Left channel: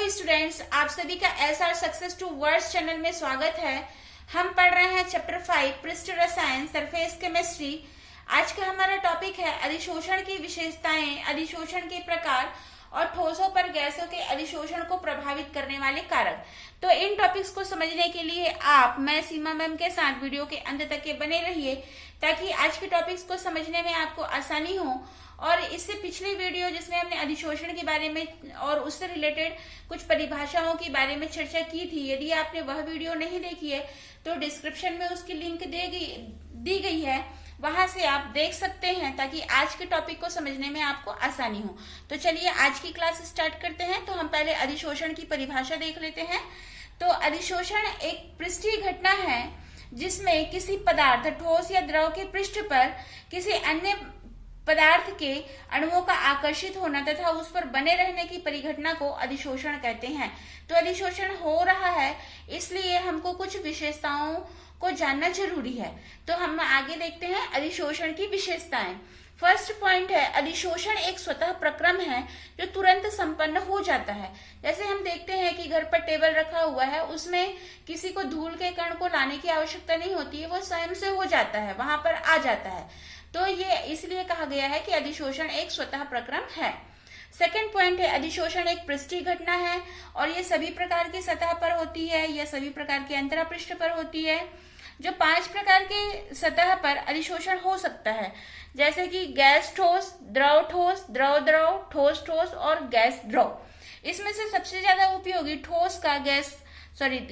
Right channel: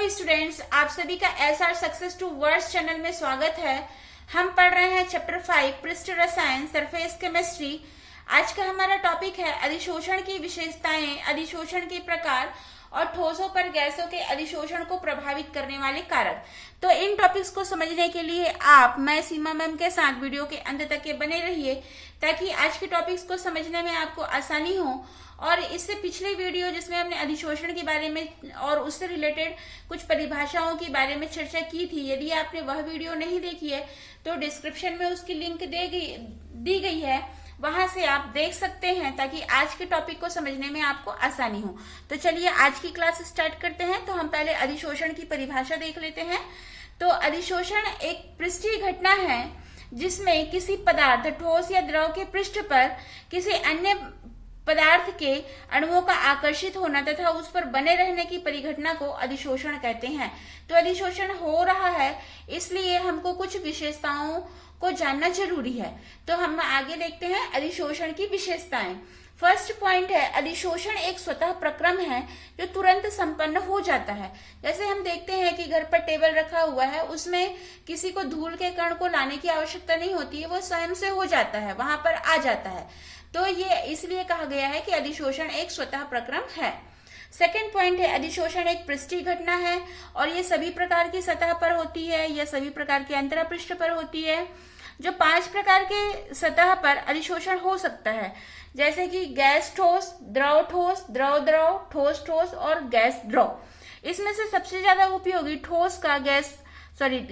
Students, आप सभी का SR success towards channel में स्वागत है। हम पढ़ रहे हैं चैप्टर 5 पृष्ठ रसायन सरफेस केमिस्ट्री। आज का हमारा टॉपिक है अधिशोषण की विशेषताएं, अधिशोषण के प्रकार और ठोसों पर गैसों के अधिशोषण को प्रभावित करने वाले कारक। तो इन टॉपिक्स को समझने के लिए मैं सीमा मैम के साथ वीडियो के अंत तक के बने रहिए, ताकि आज के टॉपिक्स को समझने में आपको आसानी हो। और इससे पिछले वीडियो जिसमें हमने अधिशोषण के बारे में और उससे रिलेटेड कुछ परिभाषाओं के बारे में चर्चा की थी, यदि आपने वह वीडियो नहीं देखी है तो डिस्क्रिप्शन में उसकी लिंक दी गई है, वहां से आप देख सकते हैं, ताकि आज के टॉपिक को समझने में आपको आसानी हो। तो चलिए आज की क्लास स्टार्ट करते हैं। तो हम पहले अधिशोषण की परिभाषा देख लेते हैं। तो अधिशोषण एक पृष्ठीय घटना है जिसमें किसी पदार्थ, ठोस या द्रव के पृष्ठ पर किसी अन्य पदार्थ के अणुओं का आकर्षित होना तथा उस पर बने रहने की परिघटना को अधिशोषण कहते हैं। तो अधिशोषण हो रहा है, इसलिए हमको कुछ विशेषताओं को जानना जरूरी है। तो हम आगे देखते हैं अधिशोषण की विशेषताएं। फर्स्ट पॉइंट है, अधिशोषण एक स्वतः प्रक्रम है जो तुरंत संपन्न हो जाता है। जैसे हम देखते हैं कि घर पर टेबल रखा हुआ है, उसमें किसी को धूल के कण को लाने की आवश्यकता नहीं होती है, वो स्वयं से हो जाता है, वहां पर आ जाता है। तो ये इसलिए कहा गया है कि अधिशोषण एक स्वतः प्रक्रम है। सेकेंड पॉइंट है, अधिशोषण एक पृष्ठीय घटना है और ये सभी प्रकार की सतह पर होती है, यह सभी प्रकार के अंतरा पृष्ठ पर होती है। जो 5 प्रकार के सतह पर अधिशोषण हो सकता है, जैसे कि गैस ठोस, द्रव ठोस, द्रव द्रव, ठोस ठोस और गैस द्रव। इसमें से सबसे ज्यादा उपयोगी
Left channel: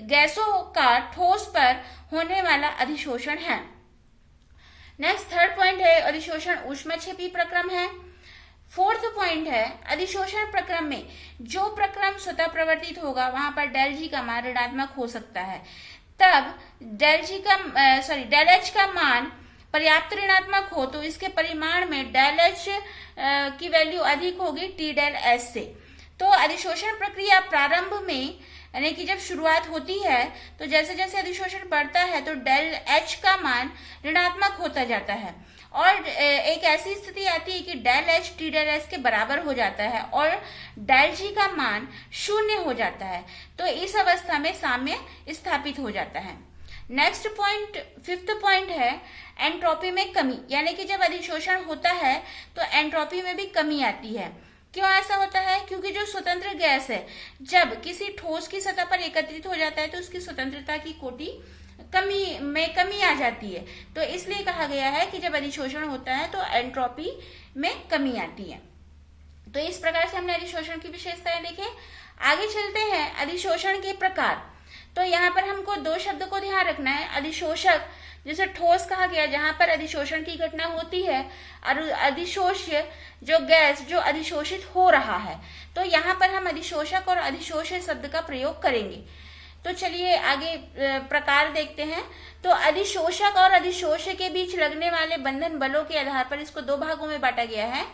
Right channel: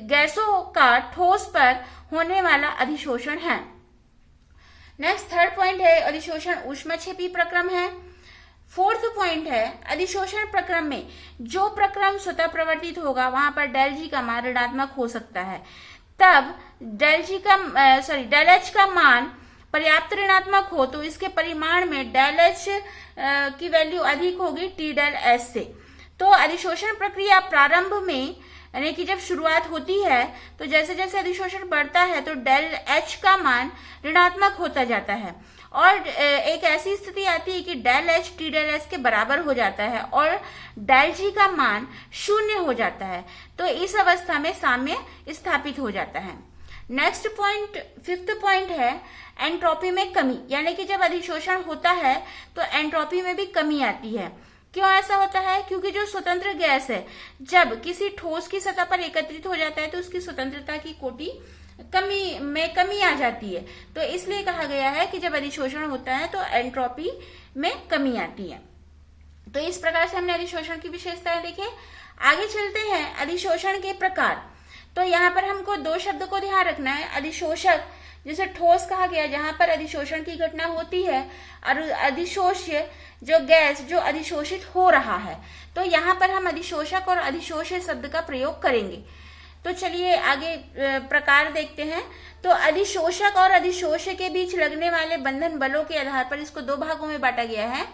गैसों का ठोस पर होने वाला अधिशोषण है। नेक्स्ट थर्ड पॉइंट है, अधिशोषण ऊष्मक्षेपी प्रक्रम है। फोर्थ पॉइंट है, अधिशोषण प्रक्रम में जो प्रक्रम स्वतः प्रवर्तित होगा वहां पर डेल जी का मान ऋणात्मक हो सकता है। तब डेल एच का मान पर्याप्त ऋणात्मक हो तो इसके परिमाण में डेल एच की वैल्यू अधिक होगी टी डेल एच से। तो अधिशोषण प्रक्रिया प्रारंभ में, यानी कि जब शुरुआत होती है, तो जैसे जैसे अधिशोषण बढ़ता है तो डेल एच का मान ऋणात्मक होता जाता है और एक ऐसी स्थिति आती है कि del H T del H के बराबर हो जाता है और डेल जी का मान 0 हो जाता है। तो इस अवस्था में साम्य स्थापित हो जाता है। नेक्स्ट पॉइंट, फिफ्थ पॉइंट है एंट्रोपी में कमी, यानी कि जब अधिशोषण होता है तो एंट्रोपी में भी कमी आती है। क्यों ऐसा होता है? क्योंकि जो स्वतंत्र गैस है जब किसी ठोस की सतह पर एकत्रित हो जाता है तो उसकी स्वतंत्रता की कोटि कमी आ जाती है। तो इसलिए कहा गया है कि जब अधिशोषण होता है तो एंट्रोपी में कमी आती है। तो इस प्रकार से हमने अधिशोषण की विशेषताएं देखे। आगे चलते हैं अधिशोषण के प्रकार। तो यहाँ पर हमको 2 शब्द को ध्यान रखना है। अधिशोषक जिसे ठोस कहा गया, जहां पर अधिशोषण की घटना होती है, और अधिशोष्य जो गैस जो अधिशोषित हो रहा है। तो यहाँ पर हम अधिशोषक और अधिशोष्य शब्द का प्रयोग करेंगे। तो चलिए आगे प्रकार देखते हैं। तो अधिशोषक और अधिशोष्य के बीच लगने वाले बंधन बलों के आधार पर इसको 2 भागों में बांटा गया है।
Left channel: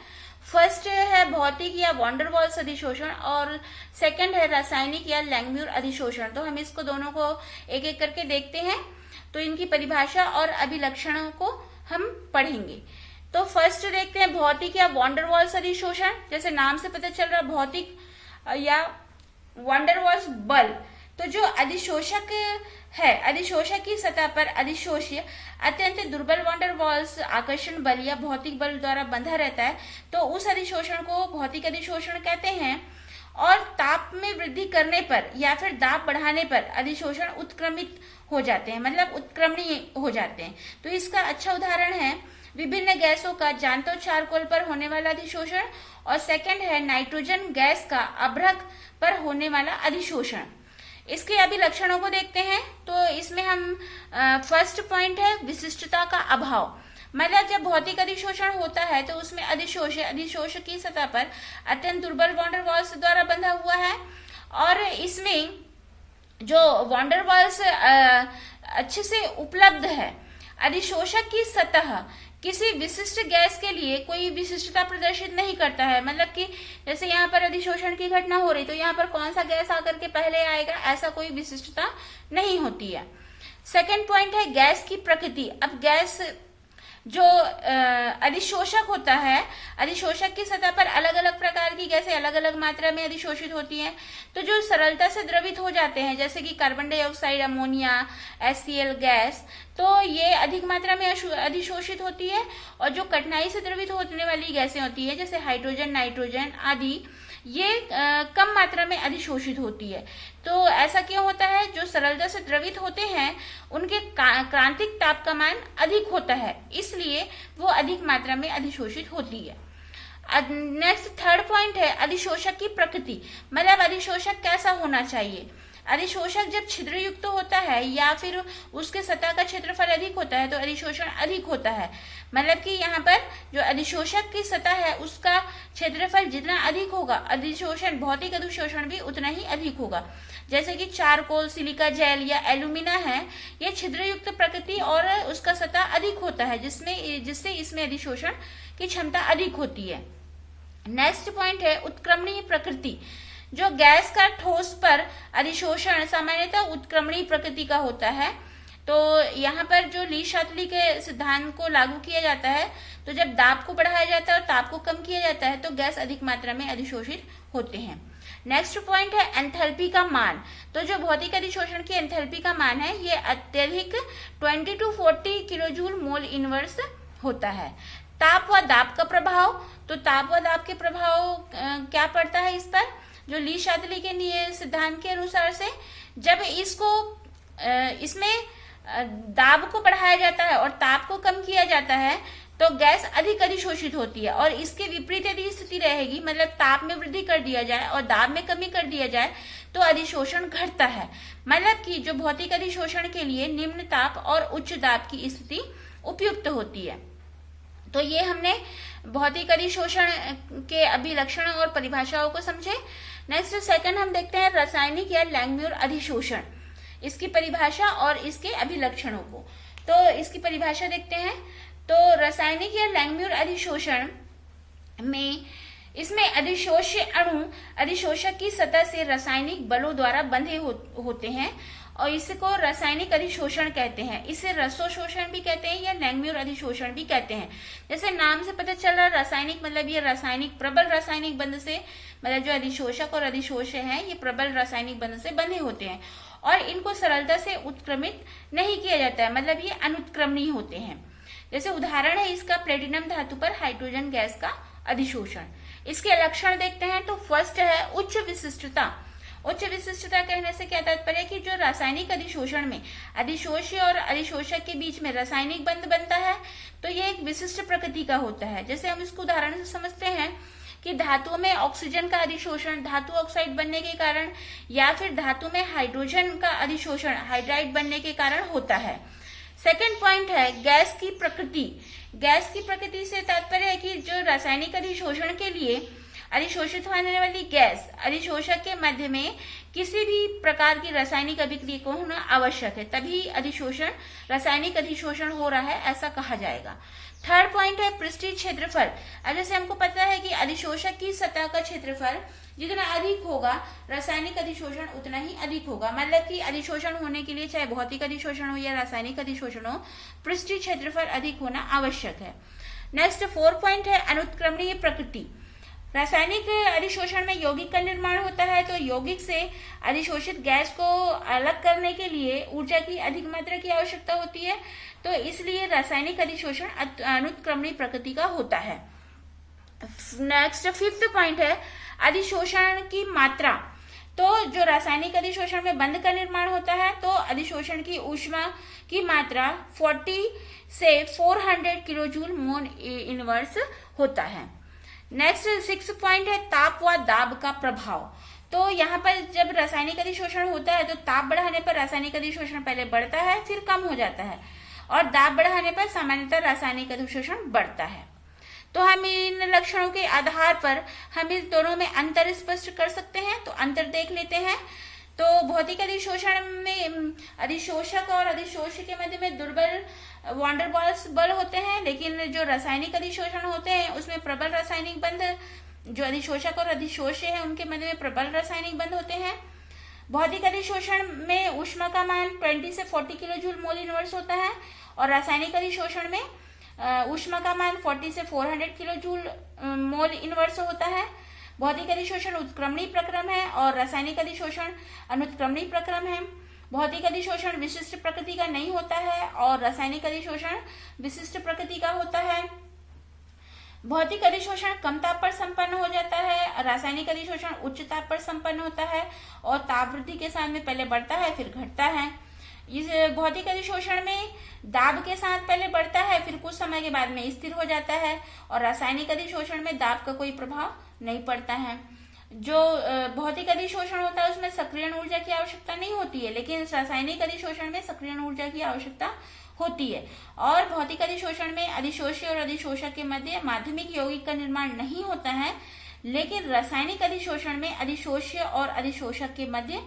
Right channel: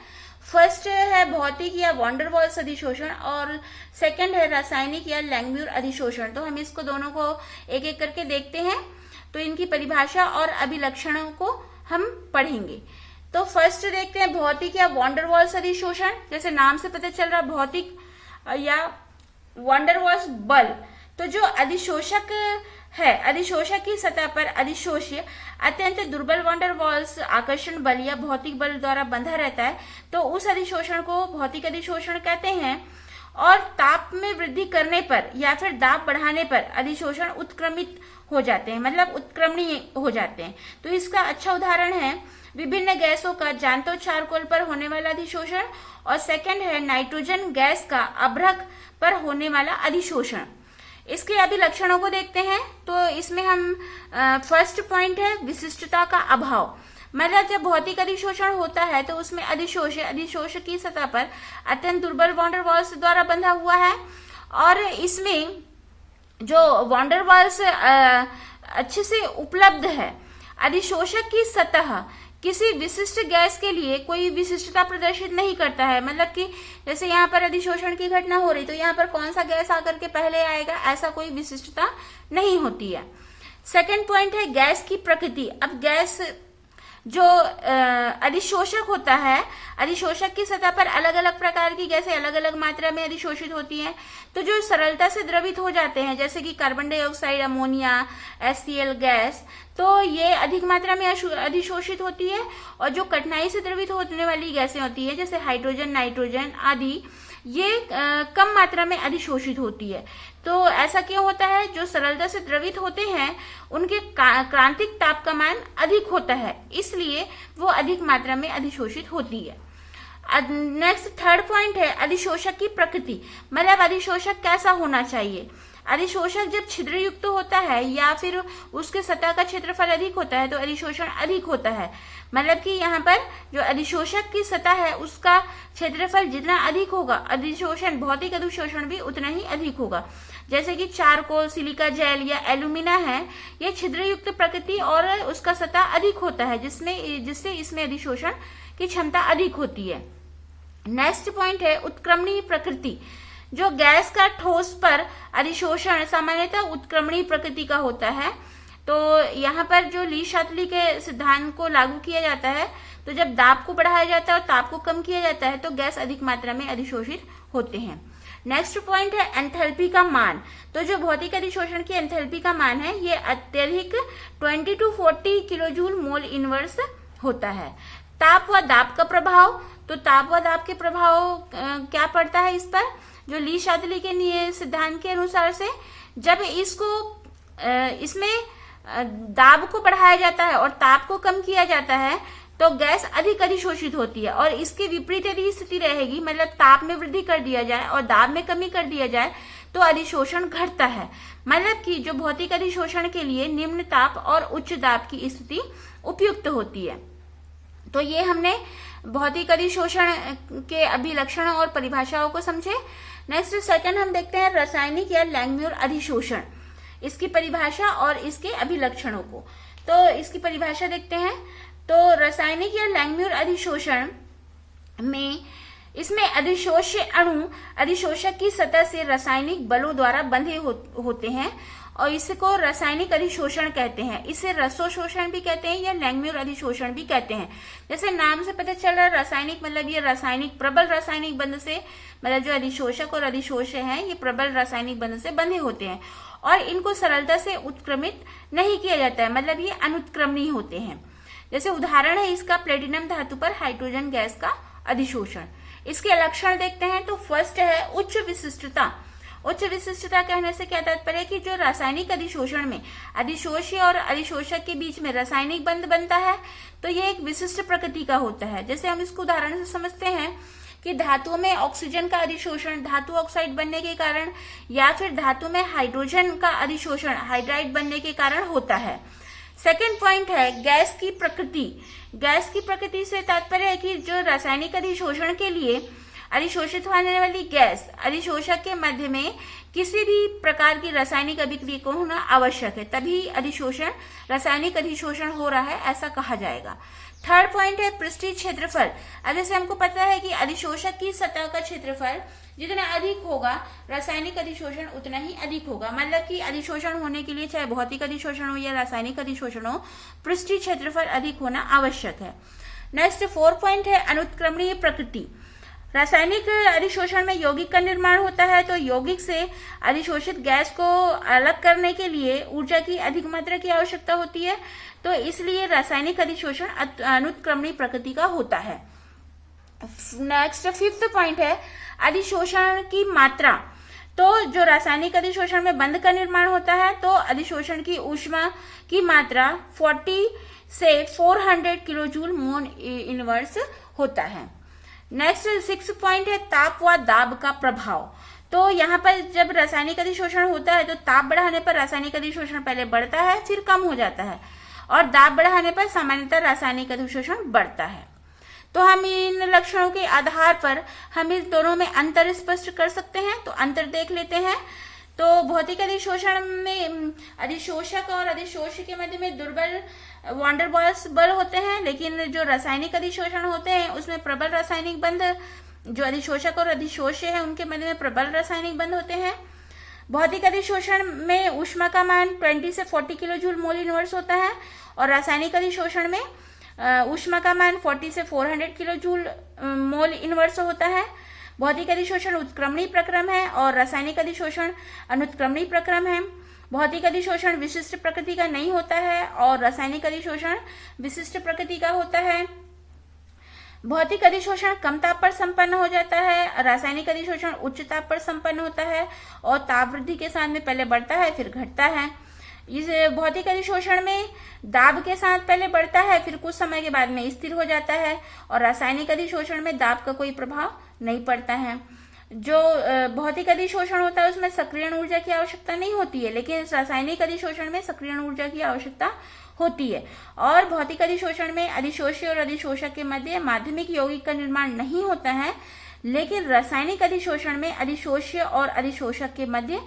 फर्स्ट है भौतिक या वॉन्डरवॉल्स अधिशोषण और सेकंड है रासायनिक या लैंगम्यूर अधिशोषण। तो हम इसको दोनों को एक एक करके देखते हैं। तो इनकी परिभाषा और अभिलक्षणों को हम पढ़ेंगे। तो फर्स्ट देखते हैं भौतिक या वॉन्डरवॉल्स अधिशोषण। जैसे नाम से पता चल रहा है, भौतिक या वॉन्डरवॉल्स बल। तो जो अधिशोषक है, अधिशोषक की सतह पर अधिशोष्य अत्यंत दुर्बल वॉन्डरवॉल्स आकर्षण बल या भौतिक बल द्वारा बंधा रहता है, तो उस अधिशोषण को भौतिक अधिशोषण कहते हैं। और ताप में वृद्धि करने पर या फिर दाब बढ़ाने पर अधिशोषण उत्क्रमित हो जाते हैं, मतलब उत्क्रमणीय हो जाते हैं। तो इसका अच्छा उदाहरण है विभिन्न गैसों का जांतो चारकोल पर होने वाला अधिशोषण और सेकंड है नाइट्रोजन गैस का अभ्रक पर होने वाला अधिशोषण। इसके अभिलक्षणों को देखते हैं। तो इसमें हम फर्स्ट पॉइंट है विशिष्टता का अभाव, मतलब जब भौतिक अधिशोषण होता है तो उसमें अधिशोष की सतह पर अत्यंत दुर्बल वॉन्डरवॉल्स द्वारा बंधा हुआ है और इसमें जो वॉन्डरवॉल्स अच्छे से उपलब्ध है। अधिशोषक की सतह किसी विशिष्ट गैस के लिए कोई विशिष्टता प्रदर्शित नहीं करता है, मतलब कि जैसे यहाँ पर अधिशोषण की घटना हो रही तो यहाँ पर कौन सा गैस आकर के पहले आएगा, ऐसा कोई विशिष्टता नहीं होती है। सेकंड पॉइंट है गैस की प्रकृति। अब जो अधिशोषक होता है, अधिशोषक की सतह पर अलग अलग प्रकार की गैसें अलग अलग मात्रा में अधिशोषित होती हैं। तो जो सरलता से द्रवित हो जाते हैं, जैसे कि carbon dioxide, ammonia, HCl gas, तो ये अधिक मात्रा में अधिशोषित होती है। और जो कठिनाई से द्रवित होने वाली गैसें होती है, जैसे हाइड्रोजन, नाइट्रोजन आदि, ये कम मात्रा में अधिशोषित होती है। तो ऐसा क्यों होता है? जो सरलता से द्रवित होते हैं उनके क्रांतिक ताप का मान अधिक होता है, इसलिए वो अधिक मात्रा में अधिशोषित होती है। नेक्स्ट थर्ड पॉइंट है अधिशोषक की प्रकृति, मतलब अधिशोषक कैसा होना चाहिए। अधिशोषक जब छिद्र युक्त होता है या फिर उसके सतह का क्षेत्रफल अधिक होता है तो अधिशोषण अधिक होता है। मतलब कि यहाँ पर जो अधिशोषक की सतह है उसका क्षेत्रफल जितना अधिक होगा, अधिशोषण, भौतिक अधिशोषण भी उतना ही अधिक होगा। जैसे कि चारकोल, सिलिका जेल या एल्यूमिना है, ये छिद्र युक्त प्रकृति और उसका सतह अधिक होता है, जिससे इसमें अधिशोषण की क्षमता अधिक होती है। नेक्स्ट पॉइंट है उत्क्रमणीय प्रकृति। जो गैस का ठोस पर अधिशोषण सामान्यतः उत्क्रमणीय प्रकृति का होता है। तो यहाँ पर जो ली-शातली के सिद्धांत को लागू किया जाता है, तो जब दाब को बढ़ाया जाता है और ताप को कम किया जाता है तो गैस अधिक मात्रा में अधिशोषित होते हैं। नेक्स्ट पॉइंट है एंथैल्पी का मान। तो जो भौतिक अधिशोषण की एंथैल्पी का मान है ये अत्यधिक 20 to 40 किलोजूल मोल इनवर्स होता है। ताप व दाब का प्रभाव, तो ताप व दाब के प्रभाव क्या पड़ता है इस पर? जो ली-शातली के सिद्धांत के अनुसार से जब इसमें दाब को बढ़ाया जाता है और ताप को कम किया जाता है तो गैस अधिक अधिशोषित होती है। और इसके विपरीत यदि स्थिति रहेगी, मतलब ताप में वृद्धि कर दिया जाए और दाब में कमी कर दिया जाए तो अधिशोषण घटता है। मतलब कि जो भौतिक अधिशोषण के लिए निम्न ताप और उच्च दाब की स्थिति उपयुक्त होती है। तो ये हमने भौतिक अधिशोषण के अभिलक्षण और परिभाषाओं को समझे। नेक्स्ट सेकंड हम देखते हैं रासायनिक या लैंगम्यूर अधिशोषण, इसकी परिभाषा और इसके अभिलक्षणों को। तो इसकी परिभाषा देखते हैं। तो रासायनिक या लैंगम्यूर अधिशोषण में इसमें अधिशोष्य अणु अधिशोषक की सतह से रासायनिक बलों द्वारा बंधे होते हैं और इसको रासायनिक अधिशोषण कहते हैं। इसे रसोशोषण भी कहते हैं या लैंगम्यूर अधिशोषण भी कहते हैं। जैसे नाम से पता चल रहा है रासायनिक, मतलब ये रासायनिक प्रबल रासायनिक बंध से, मतलब जो अधिशोषक और अधिशोष्य हैं ये प्रबल रासायनिक बंध से बंधे होते हैं और इनको सरलता से उत्क्रमित नहीं किया जाता है, मतलब ये अनुत्क्रमणीय होते हैं। जैसे उदाहरण है इसका प्लेटिनम धातु पर हाइड्रोजन गैस का अधिशोषण। इसके लक्षण देखते हैं। तो फर्स्ट है उच्च विशिष्टता। उच्च विशिष्टता कहने से क्या तात्पर्य है कि जो रासायनिक अधिशोषण में अधिशोष्य और अधिशोषक के बीच में रासायनिक बंध बनता है तो ये एक विशिष्ट प्रकृति का होता है। जैसे हम इसको उदाहरण से समझते हैं कि धातुओं में ऑक्सीजन का अधिशोषण धातु ऑक्साइड बनने के कारण या फिर धातु में हाइड्रोजन का अधिशोषण हाइड्राइड बनने के कारण होता है। सेकेंड पॉइंट है गैस की प्रकृति। गैस की प्रकृति से तात्पर्य है कि जो रासायनिक अधिशोषण के लिए अधिशोषित होने वाली गैस अधिशोषक के मध्य में किसी भी प्रकार की रासायनिक अभिक्रिया को होना आवश्यक है, तभी अधिशोषण रासायनिक अधिशोषण हो रहा है ऐसा कहा जाएगा। थर्ड पॉइंट है पृष्ठीय क्षेत्रफल। जैसे हमको पता है कि अधिशोषक की सतह का क्षेत्रफल जितना अधिक होगा रासायनिक अधिशोषण उतना ही अधिक होगा। मतलब कि अधिशोषण होने के लिए चाहे भौतिक अधिशोषण हो या रासायनिक अधिशोषण हो, पृष्ठीय क्षेत्रफल अधिक होना आवश्यक है। नेक्स्ट 4 पॉइंट है अनुत्क्रमणीय प्रकृति। रासायनिक अधिशोषण में यौगिक का निर्माण होता है, तो यौगिक से अधिशोषित गैस को अलग करने के लिए ऊर्जा की अधिक मात्रा की आवश्यकता होती है, तो इसलिए रासायनिक अधिशोषण अनुत्क्रमणीय प्रकृति का होता है। नेक्स्ट 5th पॉइंट है अधिशोषण की मात्रा। तो जो रासायनिक अधिशोषण में बंध का निर्माण होता है तो अधिशोषण की ऊष्मा की मात्रा 40 से 400 किलोजूल मोल इनवर्स होता है। नेक्स्ट 6 पॉइंट है ताप व दाब का प्रभाव। तो यहाँ पर जब रासायनिक अधिशोषण होता है तो ताप बढ़ाने पर रासायनिक अधिशोषण पहले बढ़ता है फिर कम हो जाता है और दाब बढ़ाने पर सामान्यतः रासायनिक अधिशोषण बढ़ता है। तो हम इन लक्षणों के आधार पर हम इस दोनों में अंतर स्पष्ट कर सकते हैं। तो अंतर देख लेते हैं। तो भौतिक अधिशोषण में अधिशोषक और अधिशोष्य के मध्य में दुर्बल वांडरवाल्स बल होते हैं, लेकिन जो रासायनिक अधिशोषण होते हैं उसमें प्रबल रासायनिक बंध, जो अधिशोषक और अधिशोष्य है उनके मध्य में प्रबल रासायनिक बंध होते हैं। भौतिक अधिशोषण में ऊष्मा का मान 20 से 40 किलो जूल मोल इनवर्स होता है और रासायनिक अधिशोषण में ऊष्मा का मान 40 से 400 किलो जूल मोल इनवर्स होता है। भौतिक अधिशोषण उत्क्रमणीय प्रक्रम है और रासायनिक अधिशोषण अनुत्क्रमणीय प्रक्रम है। भौतिक अधिशोषण विशिष्ट प्रकृति का नहीं होता है और रासायनिक अधिशोषण विशिष्ट प्रकृति का होता है। भौतिक अधिशोषण कम ताप पर संपन्न हो जाता है, रासायनिक अधिशोषण उच्च ताप पर संपन्न होता है और ताप वृद्धि के साथ में पहले बढ़ता है फिर घटता है। इस भौतिक अधिशोषण में दाब के साथ पहले बढ़ता है फिर कुछ समय के बाद में स्थिर हो जाता है और रासायनिक अधिशोषण में दाब का कोई प्रभाव नहीं पड़ता है। जो भौतिक अधिशोषण होता है उसमें सक्रियण ऊर्जा की आवश्यकता नहीं होती है, लेकिन इस रासायनिक अधिशोषण में सक्रियण ऊर्जा की आवश्यकता होती है। और भौतिक अधिशोषण में अधिशोषी और अधिशोषक के मध्य माध्यमिक यौगिक का निर्माण नहीं होता है, लेकिन रासायनिक अधिशोषण में अधिशोष्य और अधिशोषक के मध्य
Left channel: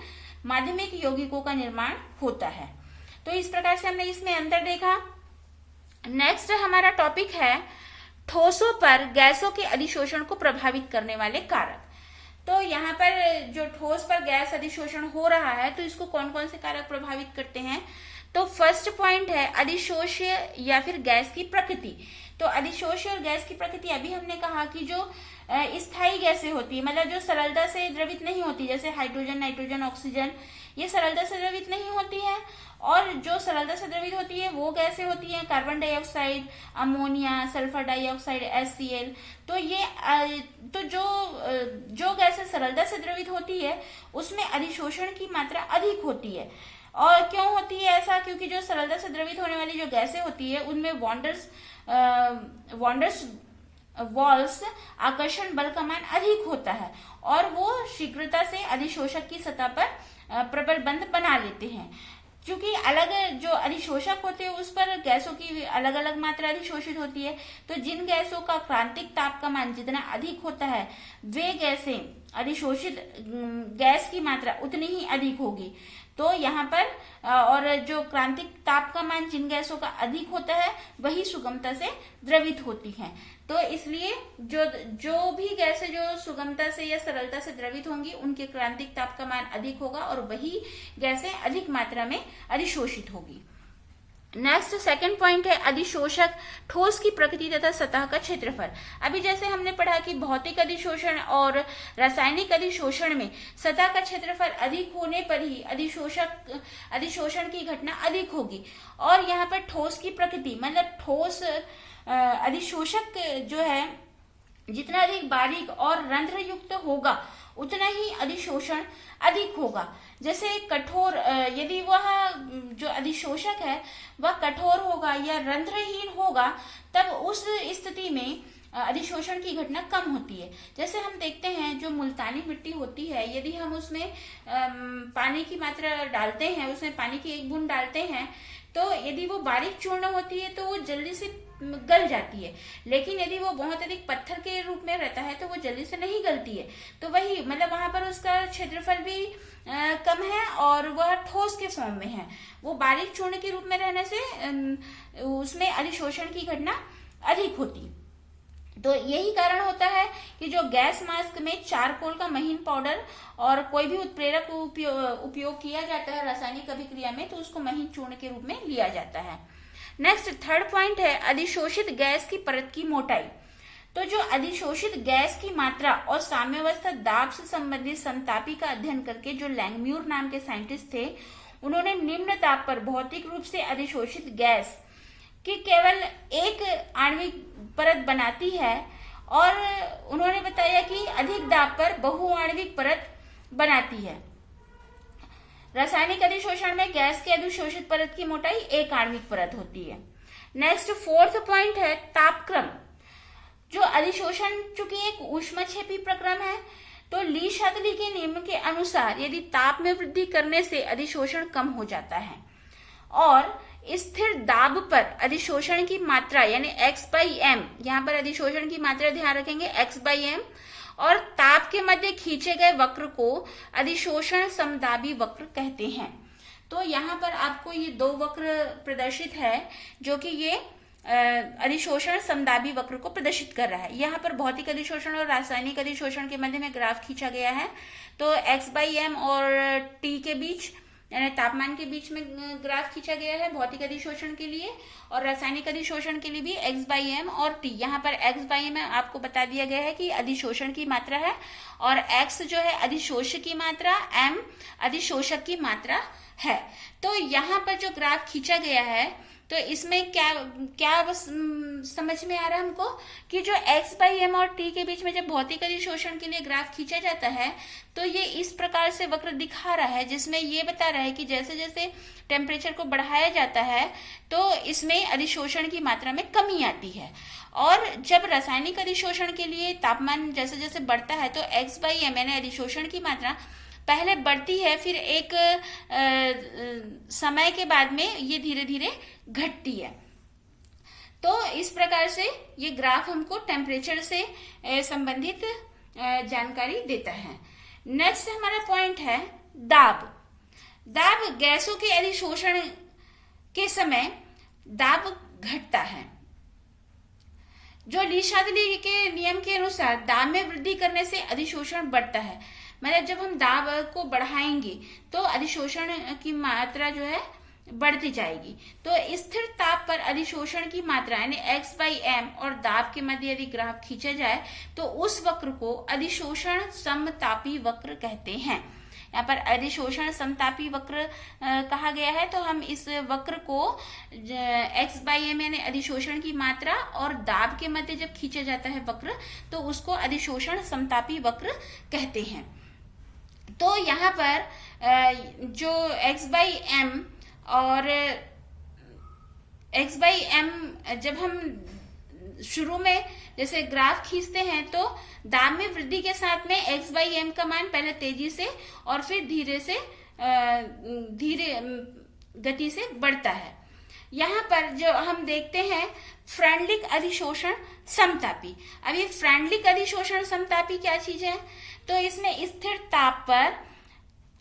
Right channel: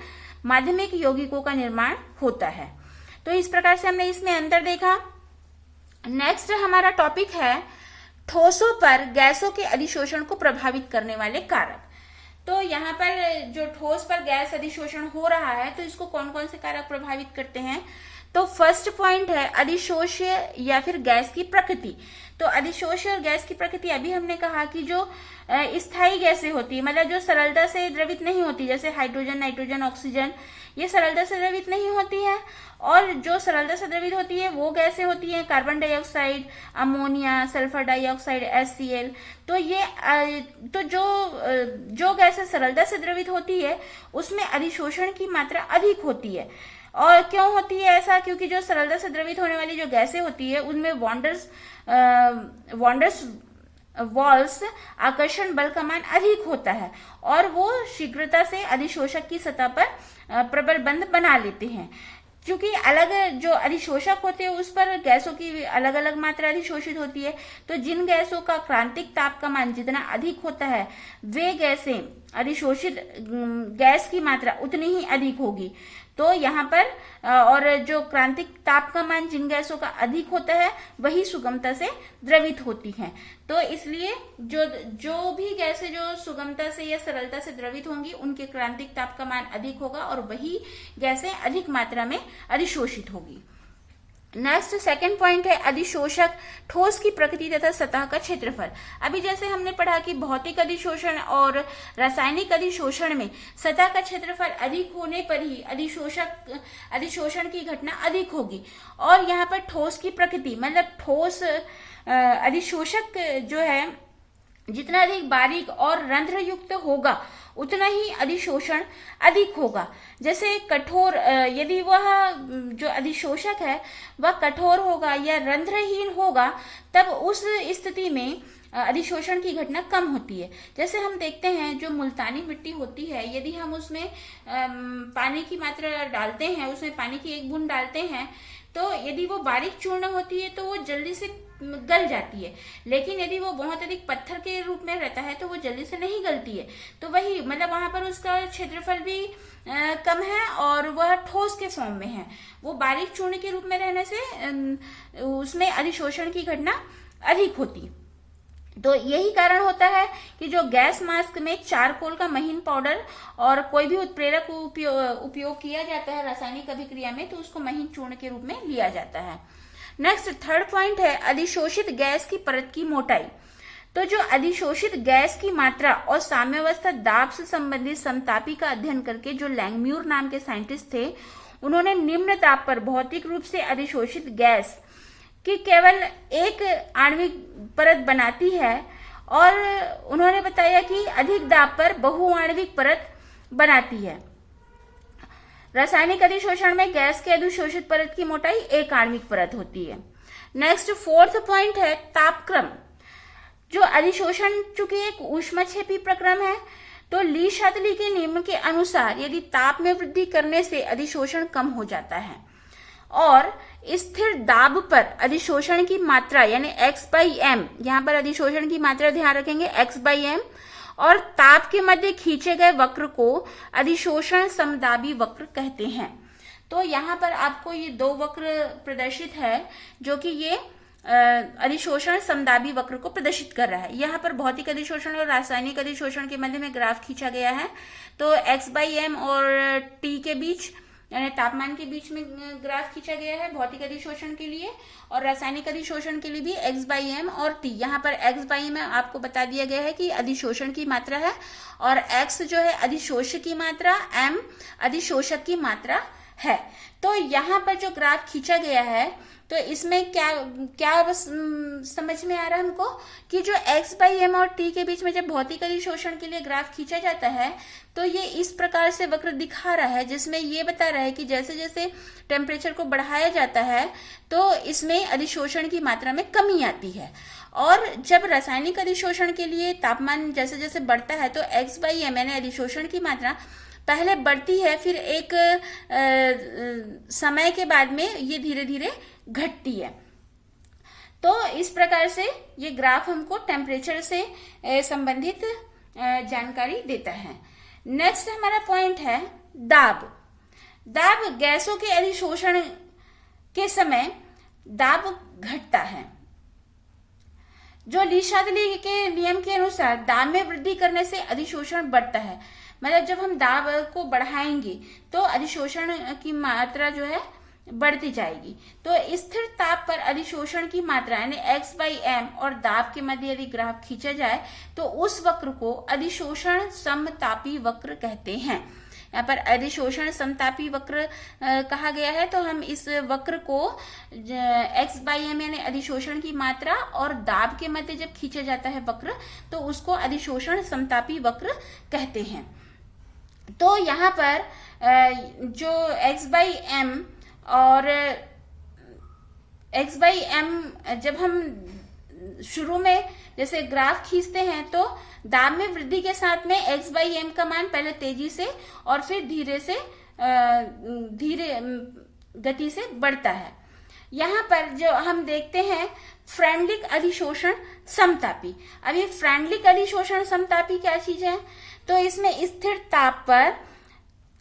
माध्यमिक यौगिकों का निर्माण होता है। तो इस प्रकार से हमने इसमें अंतर देखा। नेक्स्ट हमारा टॉपिक है ठोसों पर गैसों के अधिशोषण को प्रभावित करने वाले कारक। तो यहाँ पर जो ठोस पर गैस अधिशोषण हो रहा है तो इसको कौन कौन से कारक प्रभावित करते हैं। तो फर्स्ट पॉइंट है अधिशोष्य या फिर गैस की प्रकृति। तो अधिशोष्य और गैस की प्रकृति अभी हमने कहा कि जो स्थायी गैसें होती है, मतलब जो सरलता से द्रवित नहीं होती, जैसे हाइड्रोजन, नाइट्रोजन, ऑक्सीजन, ये सरलता से द्रवित नहीं होती है। और जो सरलता से द्रवित होती है वो गैसें होती है carbon dioxide, ammonia, sulphur dioxide, HCl। तो ये तो जो गैसें सरलता से द्रवित होती है उसमें अधिशोषण की मात्रा अधिक होती है। और क्यों होती है ऐसा, क्योंकि जो सरलता से द्रवित होने वाली जो गैसें होती है उनमें वॉल्स आकर्षण बल का मान अधिक होता है और वो शीघ्रता से अधिशोषक की सतह पर प्रबल बंध बना लेते हैं। क्योंकि अलग जो अधिशोषक होते हैं उस पर गैसों की अलग अलग मात्रा अधिशोषित होती है, तो जिन गैसों का क्रांतिक ताप का मान जितना अधिक होता है वे गैसें अधिशोषित गैस की मात्रा उतनी ही अधिक होगी। तो यहाँ पर और जो क्रांतिक ताप का मान जिन गैसों का अधिक होता है वही सुगमता से द्रवित होती हैं। तो इसलिए जो भी गैसें जो सुगमता से या सरलता से द्रवित होंगी उनके क्रांतिक ताप का मान अधिक होगा और वही गैसें अधिक मात्रा में अधिशोषित होगी। नेक्स्ट सेकंड पॉइंट है अधिशोषक ठोस की प्रकृति तथा सतह का क्षेत्रफल। अभी जैसे हमने पढ़ा कि भौतिक अधिशोषण और रासायनिक अधिशोषण में सतह का क्षेत्रफल अधिक होने पर ही अधिशोषण की घटना अधिक होगी। और यहाँ पर ठोस की प्रकृति मतलब ठोस अधिशोषक जो है जितना अधिक बारीक और रंध्र युक्त होगा उतना ही अधिशोषण अधिक होगा। जैसे कठोर यदि वह जो अधिशोषक है वह कठोर होगा या रंध्रहीन होगा तब उस स्थिति में अधिशोषण की घटना कम होती है। जैसे हम देखते हैं जो मुल्तानी मिट्टी होती है, यदि हम उसमें पानी की मात्रा डालते हैं, उसमें पानी की एक बूंद डालते हैं, तो यदि वो बारीक चूर्ण होती है तो वो जल्दी से गल जाती है, लेकिन यदि वो बहुत अधिक पत्थर के रूप में रहता है तो वो जल्दी से नहीं गलती है। तो वही मतलब वहां पर उसका क्षेत्रफल भी कम है और वह ठोस के फॉर्म में है। वो बारीक चूर्ण के रूप में रहने से उसमें अधिशोषण की घटना अधिक होती। तो यही कारण होता है कि जो गैस मास्क में चारकोल का महीन पाउडर और कोई भी उत्प्रेरक उपयोग किया जाता है रासायनिक अभिक्रिया में तो उसको महीन चूर्ण के रूप में लिया जाता है। नेक्स्ट थर्ड पॉइंट है अधिशोषित गैस की परत की मोटाई। तो जो अधिशोषित गैस की मात्रा और साम्यावस्था दाब से संबंधित समतापी का अध्ययन करके जो लैंगम्यूर नाम के साइंटिस्ट थे उन्होंने निम्न ताप पर भौतिक रूप से अधिशोषित गैस की केवल एक आणविक परत बनाती है और उन्होंने बताया कि अधिक दाब पर बहुआणविक परत बनाती है। रासायनिक अधिशोषण में गैस के अधिशोषित परत की मोटाई एक आणविक परत होती है। नेक्स्ट फोर्थ पॉइंट है तापक्रम। जो अधिशोषण चूंकि एक ऊष्मक्षेपी प्रक्रम है तो ली शातली के नियम के अनुसार यदि ताप में वृद्धि करने से अधिशोषण कम हो जाता है और स्थिर दाब पर अधिशोषण की मात्रा यानी x/m, यहाँ पर अधिशोषण की मात्रा ध्यान रखेंगे x/m, और ताप के मध्य खींचे गए वक्र को अधिशोषण समदाबी वक्र कहते हैं। तो यहाँ पर आपको ये दो वक्र प्रदर्शित है जो कि ये अधिशोषण समदाबी वक्र को प्रदर्शित कर रहा है। यहाँ पर भौतिक अधिशोषण और रासायनिक अधिशोषण के मध्य में ग्राफ खींचा गया है। तो x/m और t के बीच यानी तापमान के बीच में ग्राफ खींचा गया है भौतिक अधिशोषण के लिए, और रासायनिक अधिशोषण के लिए भी x/m और t। यहाँ पर x/m आपको बता दिया गया है कि अधिशोषण की मात्रा है, और x जो है अधिशोष्य की मात्रा, m अधिशोषक की मात्रा है। तो यहाँ पर जो ग्राफ खींचा गया है तो इसमें क्या क्या बस समझ में आ रहा है हमको कि जो x/m और t के बीच में जब भौतिक अधिशोषण के लिए ग्राफ खींचा जाता है तो ये इस प्रकार से वक्र दिखा रहा है, जिसमें ये बता रहा है कि जैसे जैसे टेम्परेचर को बढ़ाया जाता है तो इसमें अधिशोषण की मात्रा में कमी आती है, और जब रासायनिक अधिशोषण के लिए तापमान जैसे जैसे बढ़ता है तो x/m यानी अधिशोषण की मात्रा पहले बढ़ती है, फिर एक समय के बाद में ये धीरे धीरे घटती है। तो इस प्रकार से ये ग्राफ हमको टेम्परेचर से संबंधित जानकारी देता है। नेक्स्ट हमारा पॉइंट है दाब। दाब गैसों के अधिशोषण के समय दाब घटता है। जो ली शादली के नियम के अनुसार दाब में वृद्धि करने से अधिशोषण बढ़ता है, मतलब जब हम दाब को बढ़ाएंगे तो अधिशोषण की मात्रा जो है बढ़ती जाएगी। तो स्थिर ताप पर अधिशोषण की मात्रा यानी x/m और दाब के मध्य यदि ग्राफ खींचा जाए तो उस वक्र को अधिशोषण समतापी वक्र कहते हैं। यहाँ पर अधिशोषण समतापी वक्र कहा गया है, तो हम इस वक्र को x/m यानी अधिशोषण की मात्रा और दाब के मध्य जब खींचा जाता है वक्र तो उसको अधिशोषण समतापी वक्र कहते हैं। तो यहाँ पर जो x/m और x/m जब हम शुरू में जैसे ग्राफ खींचते हैं तो दाब में वृद्धि के साथ में x/m का मान पहले तेजी से और फिर धीरे गति से बढ़ता है। यहाँ पर जो हम देखते हैं फ्रेंडलिक अधिशोषण समतापी। अब ये फ्रेंडलिक अधिशोषण समतापी क्या चीज है? तो इसमें स्थिर ताप पर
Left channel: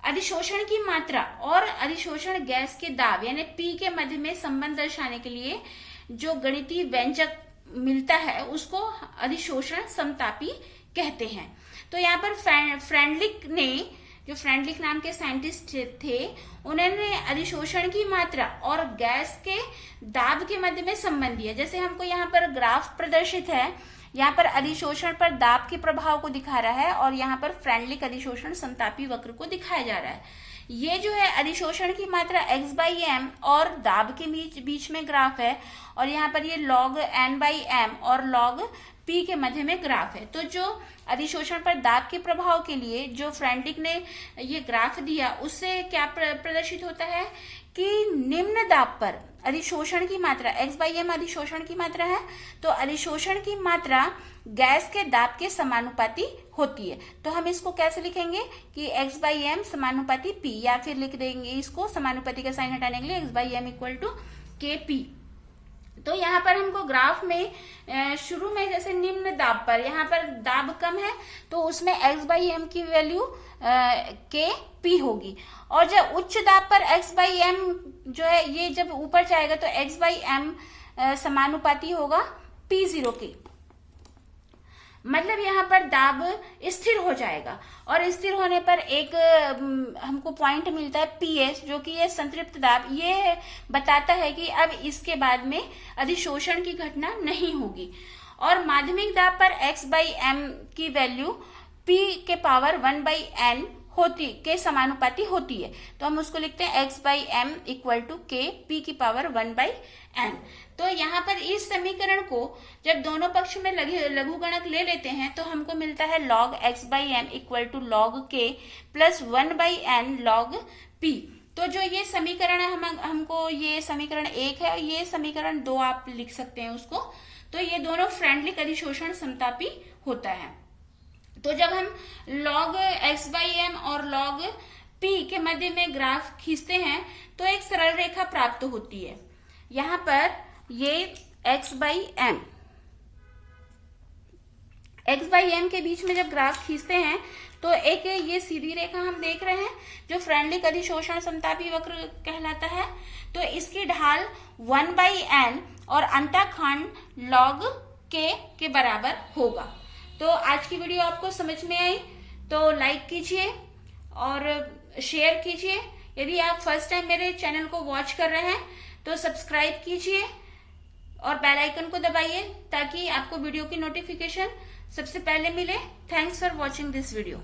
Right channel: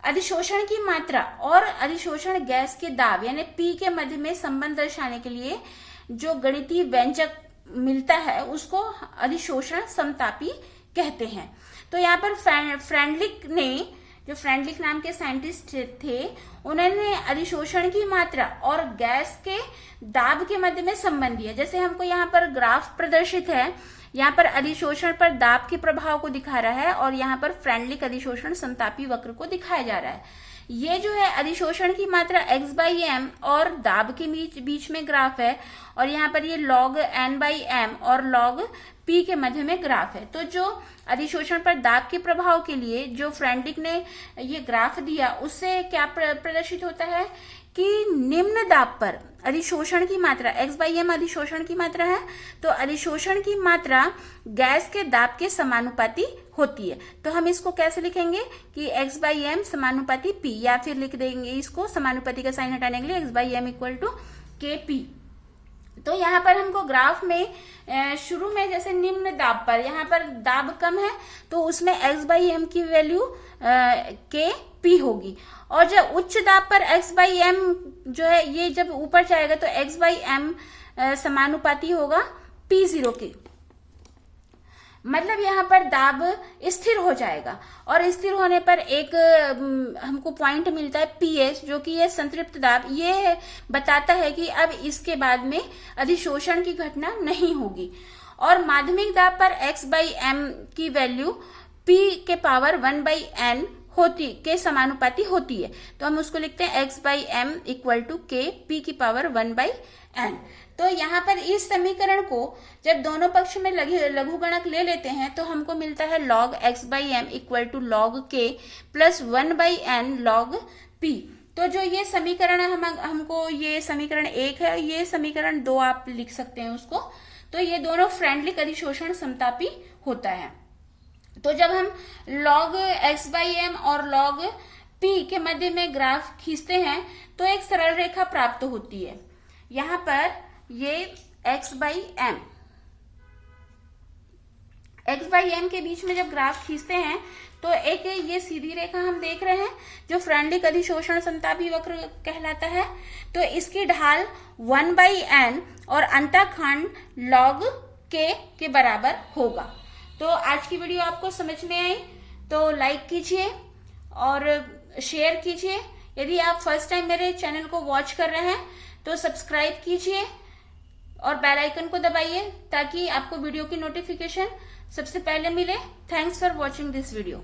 अधिशोषण की मात्रा और अधिशोषण गैस के दाब यानी P के मध्य में संबंध दर्शाने के लिए जो गणितीय व्यंजक मिलता है उसको अधिशोषण समतापी कहते हैं। तो यहाँ पर फ्रेंडलिक ने, जो फ्रेंडलिक नाम के साइंटिस्ट थे, उन्होंने अधिशोषण की मात्रा और गैस के दाब के मध्य में संबंध दिया। जैसे हमको यहाँ पर ग्राफ प्रदर्शित है, यहाँ पर अधिशोषण पर दाब के प्रभाव को दिखा रहा है और यहाँ पर फ्रेंडलिक अधिशोषण समतापी वक्र को दिखाया जा रहा है। ये जो है अधिशोषण की मात्रा x/m और दाब के बीच में ग्राफ है, और यहाँ पर ये log n/m और log p के मध्य में ग्राफ है। तो जो अधिशोषण पर दाब के प्रभाव के लिए जो फ्रेंडलिक ने ये ग्राफ दिया उससे क्या प्रदर्शित होता है कि निम्न दाब पर अधिशोषण की मात्रा x/m अधिशोषण की मात्रा है, तो अधिशोषण की मात्रा गैस के दाब के समानुपाती होती है। तो हम इसको कैसे लिखेंगे कि x/m समानुपाती p, या फिर लिख देंगे इसको समानुपाती का साइन हटाने के लिए x/m = kp। तो यहाँ पर हमको ग्राफ में शुरू में जैसे निम्न दाब पर, यहाँ पर दाब कम है तो उसमें x/m की वैल्यू kp होगी, और जब उच्च दाब पर x/m जो है ये जब ऊपर जाएगा तो x/m समानुपाती होगा p0 के। मतलब यहाँ पर दाब स्थिर हो जाएगा, और स्थिर होने पर एक हमको पॉइंट मिलता है pH, जो कि ये संतृप्त दाब, ये बताता है कि अब इसके बाद में अधिशोषण की घटना नहीं होगी। और माध्यमिक दाब पर x/m की वैल्यू p के पावर 1/n के समानुपाती होती है, तो हम उसको लिखते हैं x/m = k p की पावर 1/n। तो यहाँ पर इस समीकरण को जब दोनों पक्ष में लघुगणक ले लेते हैं तो हमको मिलता है log x/m = log k + 1/n log p। तो जो ये समीकरण है हमको ये समीकरण 1 है, ये समीकरण 2 आप लिख सकते हैं उसको। तो ये दोनों फ्रेंडलिक अधिशोषण समतापी होता है। तो जब हम log x/m और log p के मध्य में ग्राफ खींचते हैं तो एक सरल रेखा प्राप्त होती है। यहाँ पर ये x/m के बीच में जब ग्राफ खींचते हैं तो एक ये सीधी रेखा हम देख रहे हैं जो फ्रेंडलिक अधिशोषण समतापी वक्र कहलाता है। तो इसकी ढाल 1/n और अंतःखंड log k के बराबर होगा। तो आज की वीडियो आपको समझ में आई तो लाइक कीजिए और शेयर कीजिए। यदि आप फर्स्ट टाइम मेरे चैनल को वॉच कर रहे हैं तो सब्सक्राइब कीजिए और बेल आइकन को दबाइए ताकि आपको वीडियो की नोटिफिकेशन सबसे पहले मिले। Thanks for watching this video.